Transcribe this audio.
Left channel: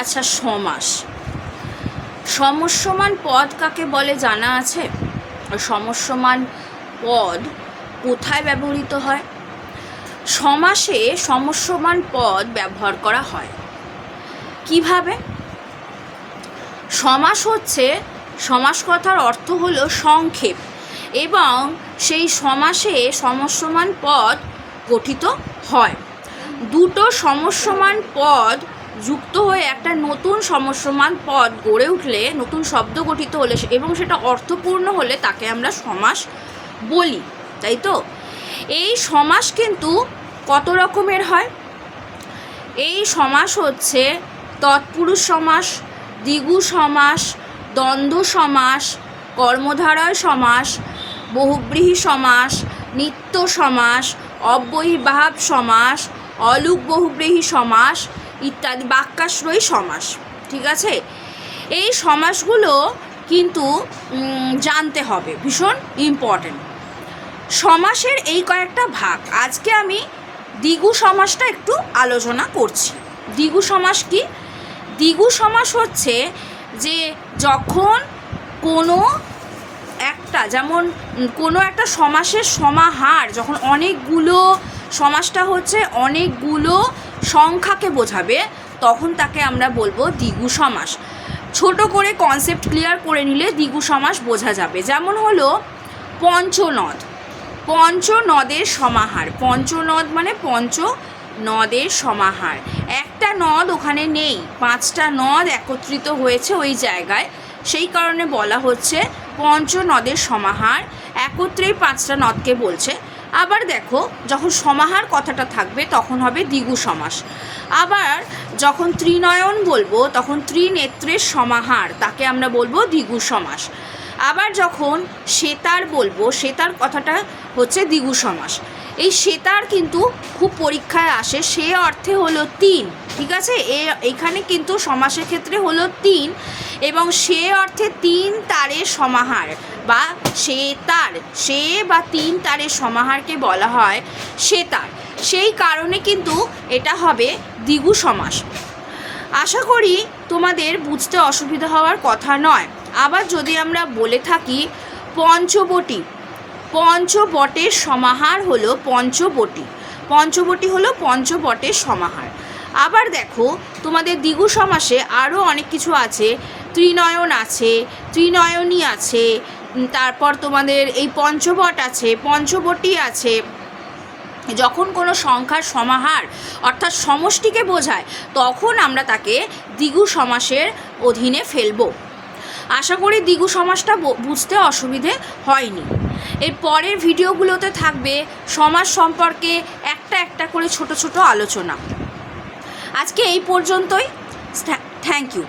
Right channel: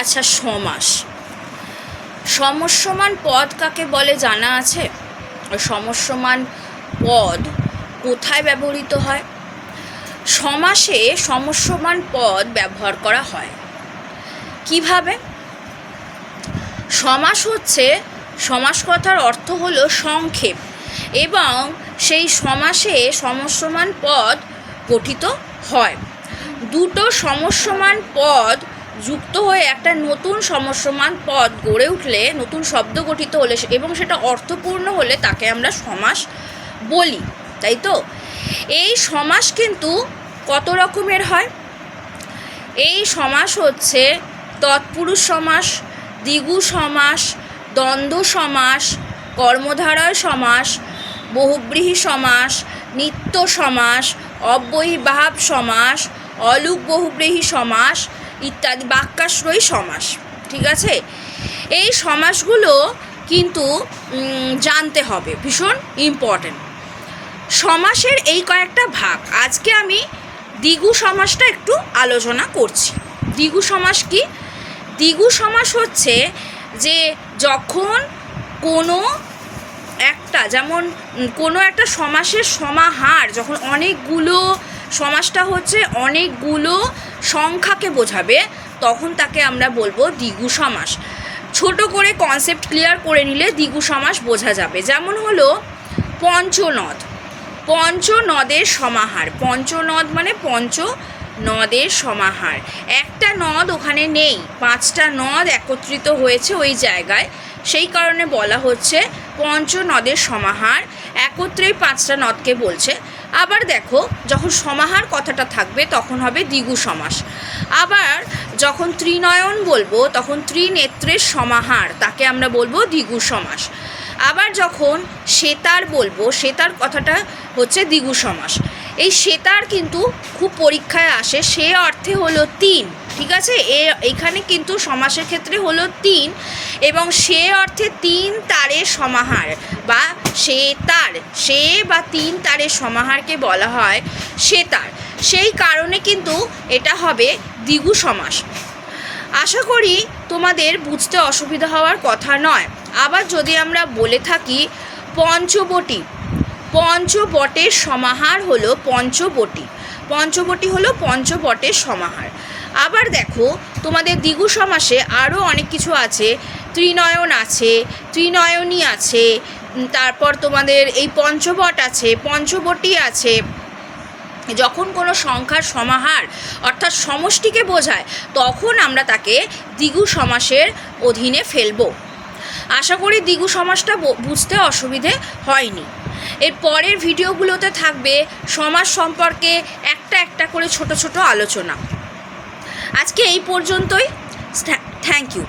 আচ্ছা, সমাস সমস্যমান পদ কাকে বলে জানা আছে? সমস্যমান পদ কোথায় ব্যবহৃত হয়? সমাসে সমস্যমান পদ ব্যবহার করা হয় কিভাবে? সমাস হচ্ছে, সমাস কথার অর্থ হলো সংক্ষেপ, এবং সেই সমাসে সমস্যমান পদ গঠিত হয়। দুটো সমস্যমান পদ যুক্ত হয়ে একটা নতুন সমস্যমান পদ গড়ে উঠলে, নতুন শব্দ গঠিত হলে এবং সেটা অর্থপূর্ণ হলে তাকে আমরা সমাস বলি, তাই তো? এই সমাস কিন্তু কত রকমের হয়? এই সমাস হচ্ছে তৎপুরুষ সমাস, দ্বিগু সমাস, দ্বন্দ্ব সমাস, কর্মধারয় সমাস, বহুব্রীহি সমাস, নিত্য সমাস, অব্যয়ীভাব সমাস, অলুক বহুব্রীহি সমাস ইত্যাদি, বাক্যাশ্রয়ী সমাস। ঠিক আছে? এই সমাসগুলো কিন্তু জানতে হবে, ভীষণ ইম্পর্টেন্ট। সমাসের এই কয়েকটা ভাগ, আজকে আমি দ্বিগু সমাসটা একটু আলোচনা করছি। দ্বিগু সমাস কি? দ্বিগু সমাস হচ্ছে যে যখন কোনো একটা, যেমন কোনো একটা সমাসের সমাহার যখন অনেকগুলো, সমাসটা হচ্ছে অনেকগুলো সংখ্যাকে বোঝাবে, তখন তাকে আমরা বলবো দ্বিগু সমাস। ছোট করে কনসেপ্ট ক্লিয়ার করে নিলে দ্বিগু সমাস বোঝা যাবে। যেমন হলো পঞ্চনদ, পঞ্চনদের সমাহার। পঞ্চনদ মানে পঞ্চনদের সমাহার। একটা নদ ওখানে নেই, 5টা নদ একত্রিত হয়েছে ওই জায়গায়, সেই কারণে বলা হচ্ছে পঞ্চনদের সমাহার। একত্রেই 5টা নদকে বলছে। আবার দেখো, যখন সমাহার কথাটা থাকবে তখন হবে দ্বিগু সমাস। আবার যখন ত্রিনয়ন বলবো তখন ত্রিনেত্রের সমাহার, তাকে আমরা বলবো দ্বিগু সমাস। আবার যখন সেতার বলবো, সেতার কথাটা হচ্ছে দ্বিগু সমাস। এই সেতার কিন্তু খুব পরীক্ষায় আসে, সে অর্থে হলো 3। ঠিক আছে? এইখানে কিন্তু সমাসের ক্ষেত্রে হলো 3, এবং সে অর্থে 3 তারের সমাহার বা সেতার, সে বা 3 তারের সমাহারকে বলা হয় সেতার। সেই কারণে কিন্তু এটা হবে দ্বিগু সমাস। আশা করি তোমাদের বুঝতে অসুবিধা হওয়ার কথা নয়। আবার যদি আমরা বলে থাকি পঞ্চবটী, পঞ্চবটের সমাহার হলো পঞ্চবটী, পঞ্চবটী হলো পঞ্চবটের সমাহার। আবার দেখো, তোমাদের দ্বিগু সমাসে আরও অনেক কিছু আছে, ত্রিনয়ন আছে, ত্রিনয়নী আছে, তারপর তোমাদের এই পঞ্চবট আছে, পঞ্চবটী আছে। যখন কোনো সংখ্যার সমাহার অর্থাৎ সমষ্টিকে বোঝায়, তখন আমরা তাকে দ্বিগু সমাসের অধীনে ফেলব। আশা করি দ্বিগু সমাসটা বুঝতে অসুবিধে হয়নি। এর পরের ভিডিওগুলোতে থাকবে সমাস সম্পর্কে একটা একটা করে ছোট ছোট আলোচনা। আজকে এই পর্যন্তই। Thank you.